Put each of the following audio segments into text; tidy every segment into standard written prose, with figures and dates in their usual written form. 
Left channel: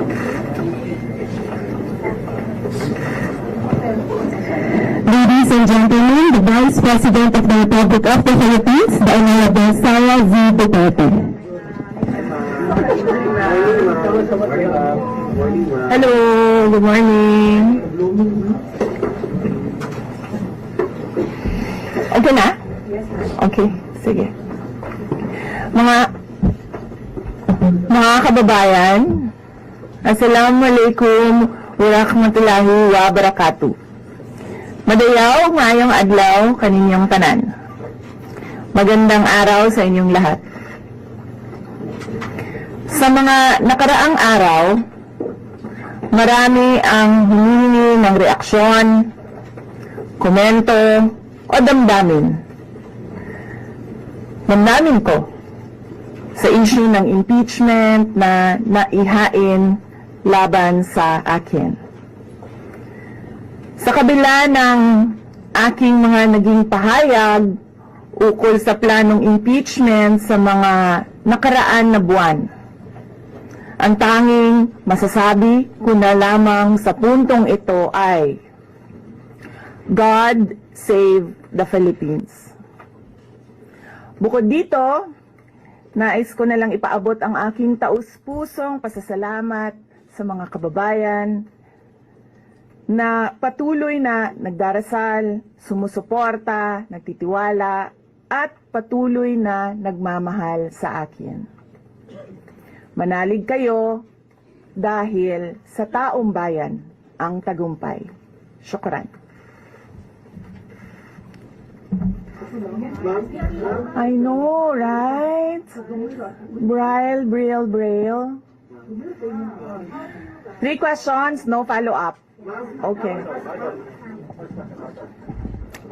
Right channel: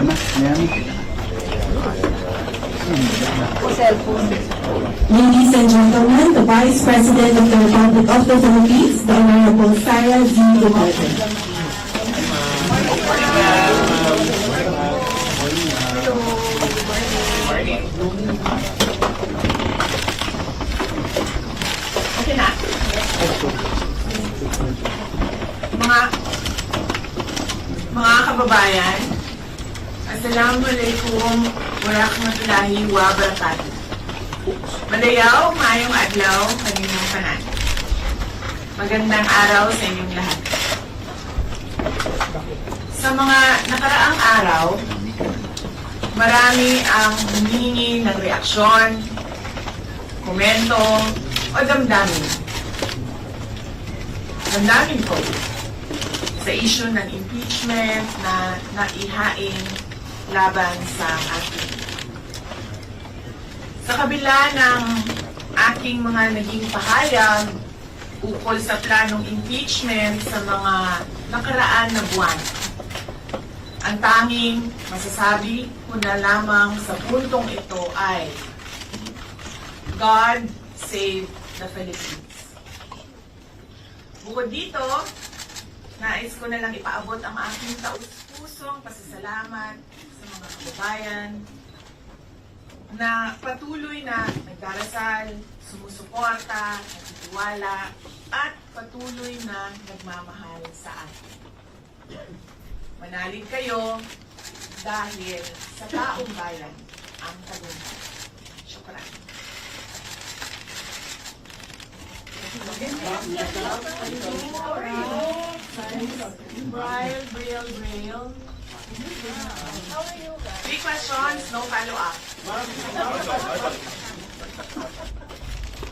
Ladies and gentlemen, the Vice President of the Republic of the Philippines, the Honorable Sara V. Duterte. Hello, good morning. Okay na? Okay, sige. Mga kababayan, Assalamualaikum warahmatullahi wabarakatuh. Madayaw, maayong adlaw, kaninyang tanan. Magandang araw sa inyong lahat. Sa mga nakaraang araw, marami ang humingi ng reaksyon, komento, o damdamin. Damdamin ko sa issue ng impeachment na naihain laban sa akin. Sa kabila ng aking mga naging pahayag ukol sa planong impeachment sa mga nakaraan na buwan, ang tanging masasabi ko na lamang sa puntong ito ay God save the Philippines. Bukod dito, nais ko na lang ipaabot ang aking taus-pusong pasasalamat sa mga kababayan na patuloy na nagdarasal, sumusuporta, nagtitiwala, at patuloy na nagmamahal sa akin. Manalig kayo dahil sa taong bayan ang tagumpay. Syukran. I know, right? Braille. 3 questions, no follow-up. Okay.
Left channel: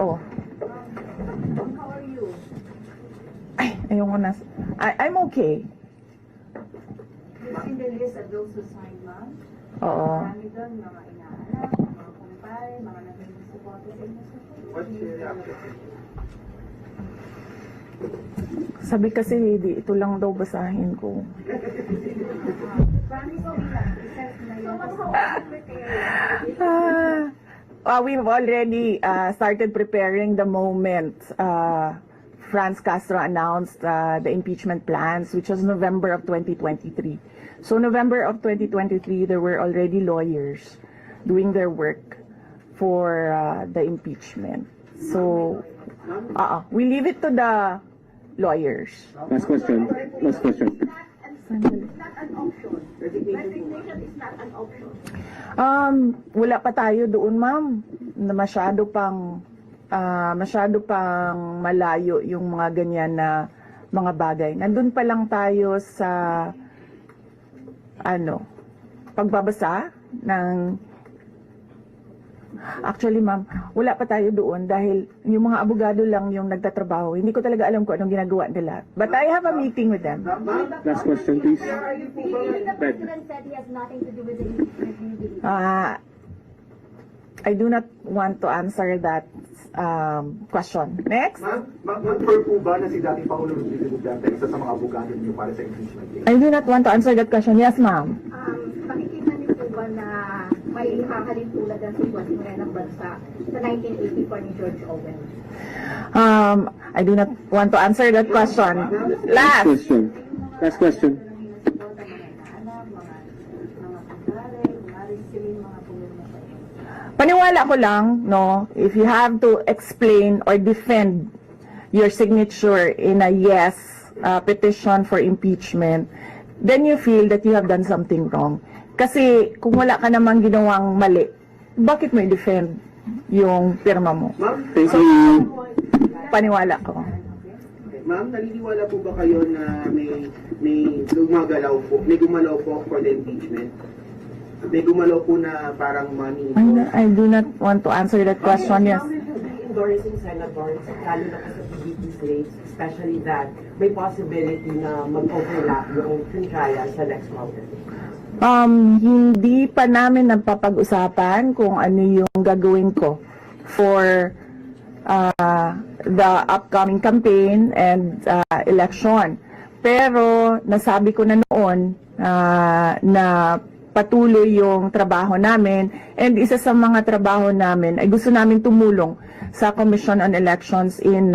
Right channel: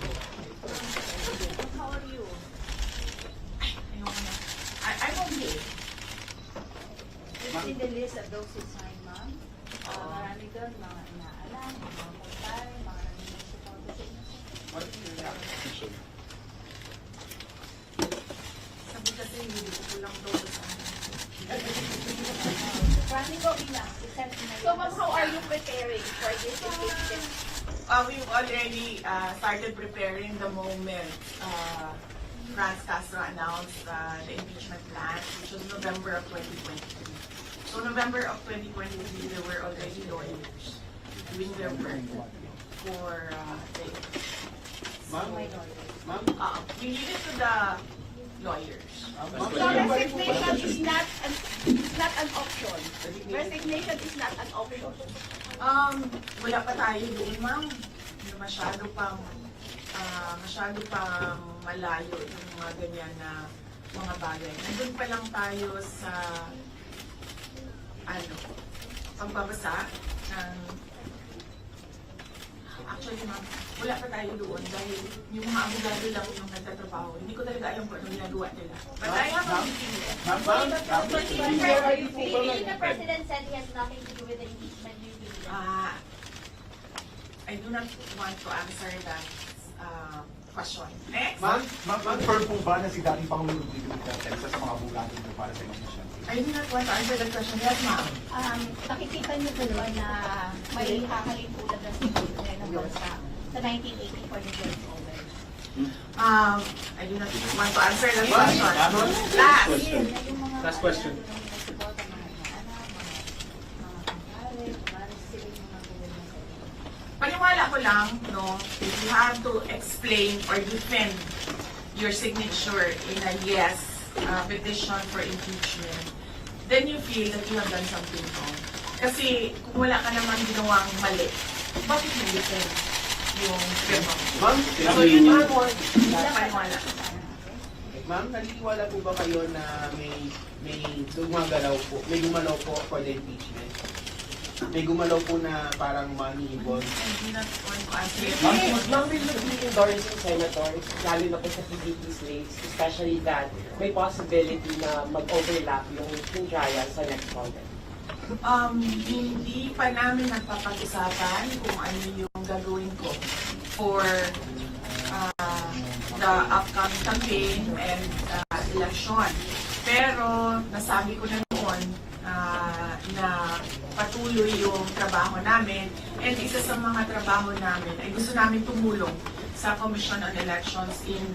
Oh. Ay, ayoko na. I'm okay. In the list of those who signed, ma'am, Oo. marami doon, mga inaalala, mga kumpay, mga nag-support sa inyo. Sabi kasi, hindi, ito lang daw basahin ko. We've already started preparing the moment Franz Castro announced the impeachment plans, which was November of 2023. So November of 2023, there were already lawyers doing their work for the impeachment. So we leave it to the lawyers. Last question. It's not an option. Resignation is not an option. Wala pa tayo doon, ma'am, na masyado pang malayo yung mga ganyan na mga bagay. Nandun pa lang tayo sa pagbabasa ng actually, ma'am, wala pa tayo doon dahil yung mga abogado lang yung nagtatrabaho. Hindi ko talaga alam kung anong ginagawa nila. But I have a meeting with them. Last question, please. The president said he has nothing to do with the impeachment. I do not want to answer that question. Next. Mag-confirm po ba na si dating Pangulong Rodrigo Duterte isa sa mga abogado niyo para sa impeachment case? I do not want to answer that question. Yes, ma'am. Makikita niyo po ba na may hahalin tulad ng sultan ng bansa sa 1984 ni George Orwell? I do not want to answer that question. Last. Last question. Paniwala ko lang, no, if you have to explain or defend your signature in a yes petition for impeachment, then you feel that you have done something wrong. Kasi kung wala ka namang ginawang mali, bakit may defend yung pirma mo? Ma'am, Paniwala ko. ma'am, naniniwala po ba kayo na may gumalaw po for the impeachment? May gumalaw po na parang money involved? I do not want to answer that question. Yes. Endorsing senators, lalo na po sa PDP slates, especially that may possibility na mag-overlap yung trial sa next mountain. Hindi pa namin nagpapag-usapan kung ano yung gagawin ko for the upcoming campaign and election. Pero nasabi ko na noon na patuloy yung trabaho namin, and isa sa mga trabaho namin ay gusto namin tumulong sa Commission on Elections in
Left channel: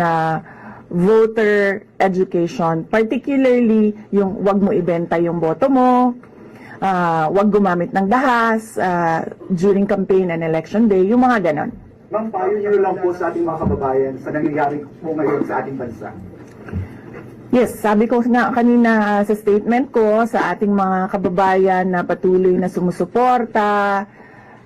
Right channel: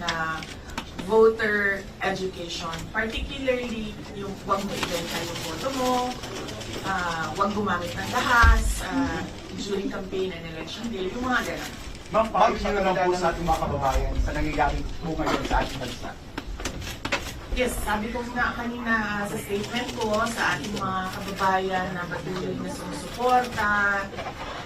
voter education, particularly yung wag mo ibenta yung boto mo, wag gumamit ng dahas during campaign and election day, yung mga ganon. Ma'am, payo nyo lang po sa ating mga kababayan sa nangyayari po ngayon sa ating bansa. Yes, sabi ko na kanina sa statement ko sa ating mga kababayan na patuloy na sumusuporta,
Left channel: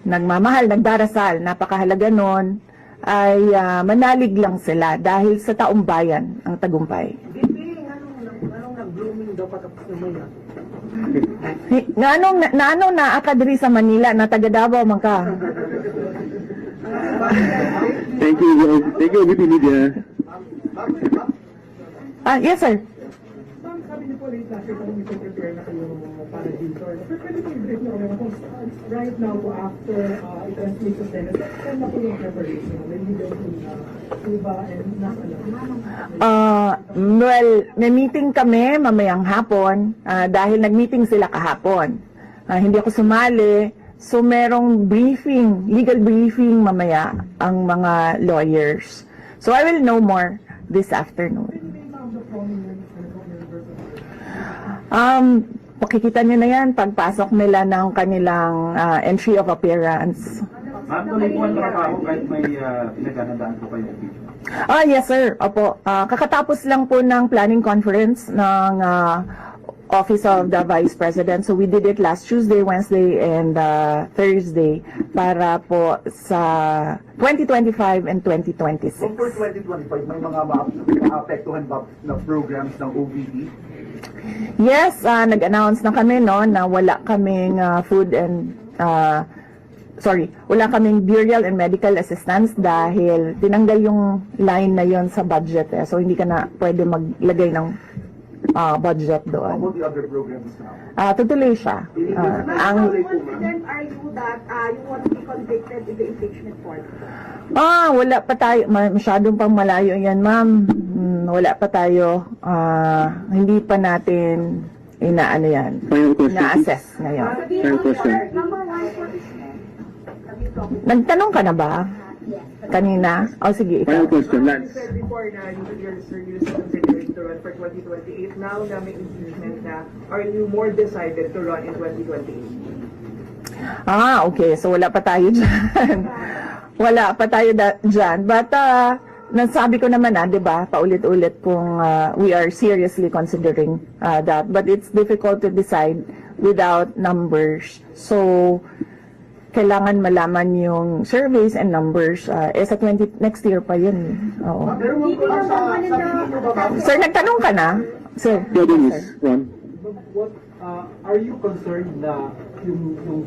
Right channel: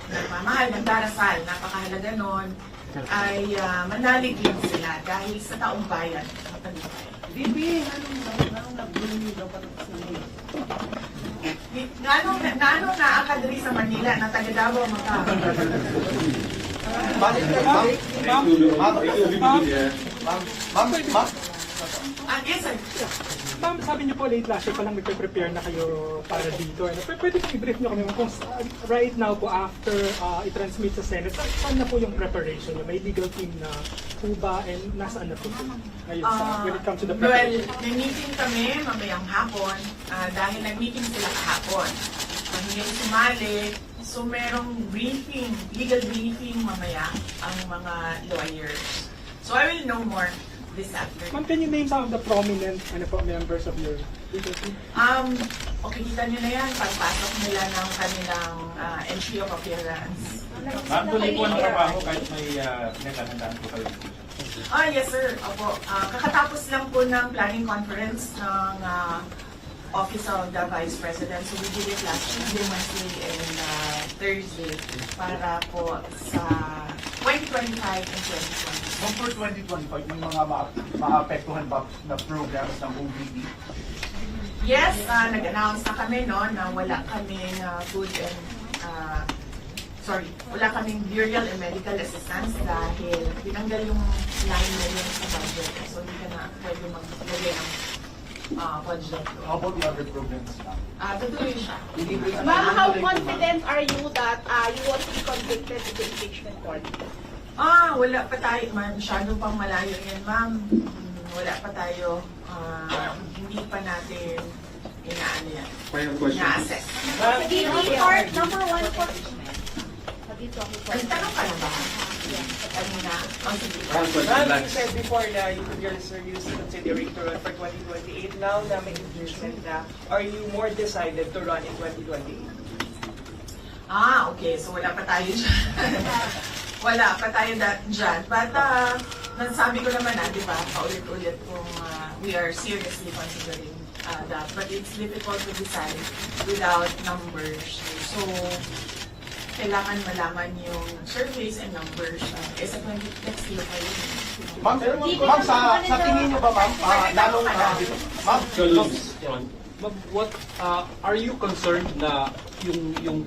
nagmamahal, nagdarasal, napakahalaga nun, ay manalig lang sila dahil sa taong bayan ang tagumpay. Anong nag-blooming daw patapos na muna? Anong naakadri sa Manila na taga Davao man ka? Thank you, media. Yes sir. Ma'am, sabi niyo po late last year pa lang nagpe-prepare na kayo para dito. Pwede po i-brief niyo kami kung right now po after i-transmit sa Senate, saan na po yung preparation niyo? May legal team na po ba and nasaan na po? Well, na-meeting kami mamayang hapon dahil nag-meeting sila kahapon. Hindi ako sumali. So merong briefing, legal briefing mamaya ang mga lawyers. So I will know more this Ma'am, afternoon. can you name some of the prominent members of your Makikita nyo na yan pagpasok nila ng kanilang entry of appearance. Ma'am, tuloy po ang trabaho kahit may pinaghahandaan po kayo. Yes sir. Opo. Kakatapos lang po ng planning conference ng Office of the Vice President. So we did it last Tuesday, Wednesday, and Thursday para po sa 2025 and 2026. So for 2025, may mga maapektuhan ba na programs ng OVP? Yes, nag-announce na kami no na wala kaming food and wala kaming burial and medical assistance dahil tinanggal yung line na yon sa budget So hindi ka na pwede maglagay ng budget How doon. about the other programs now? Tutuloy siya. Ma'am, Ang how confident are you that you won't be convicted in the impeachment court? wala pa tayo, masyadong pang malayo yan, ma'am. Wala pa tayo, hindi pa natin inaano yan, Final question. ina-assess na yan. Pag-ibig or number one for Nagtanong ka na ba? Kanina? O sige, ikaw. Final question, You Lance. said before na you're seriously considering to run for 2028. Now na may impeachment na, are you more decided to run in 2028? Okay. So wala pa tayo dyan. Wala pa tayo dyan. But, nasabi ko naman di ba, paulit-ulit kung we are seriously considering that. But it's difficult to decide without numbers. So, kailangan malaman yung surveys and numbers. Sa next year pa yun. Oo. Ma'am, pero ma'am, sa tingin nyo ba ma'am? Sir, nagtanong ka na? So, Please, Ron. But what are you concerned na yung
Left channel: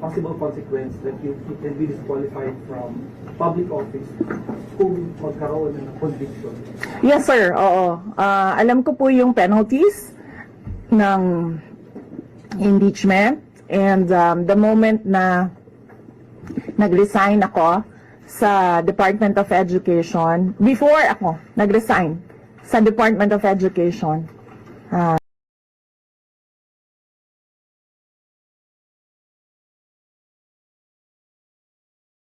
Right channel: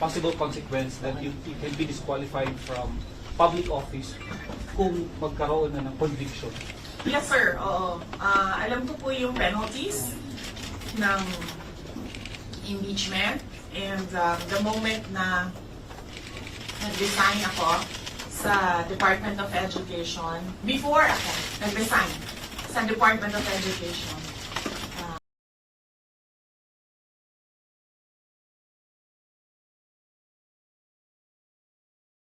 possible consequence that you can be disqualified from public office kung magkaroon na ng conviction? yes, sir. Oo. Alam ko po yung penalties ng impeachment. And the moment na nag-resign ako sa Department of Education, before ako nag-resign sa Department of Education,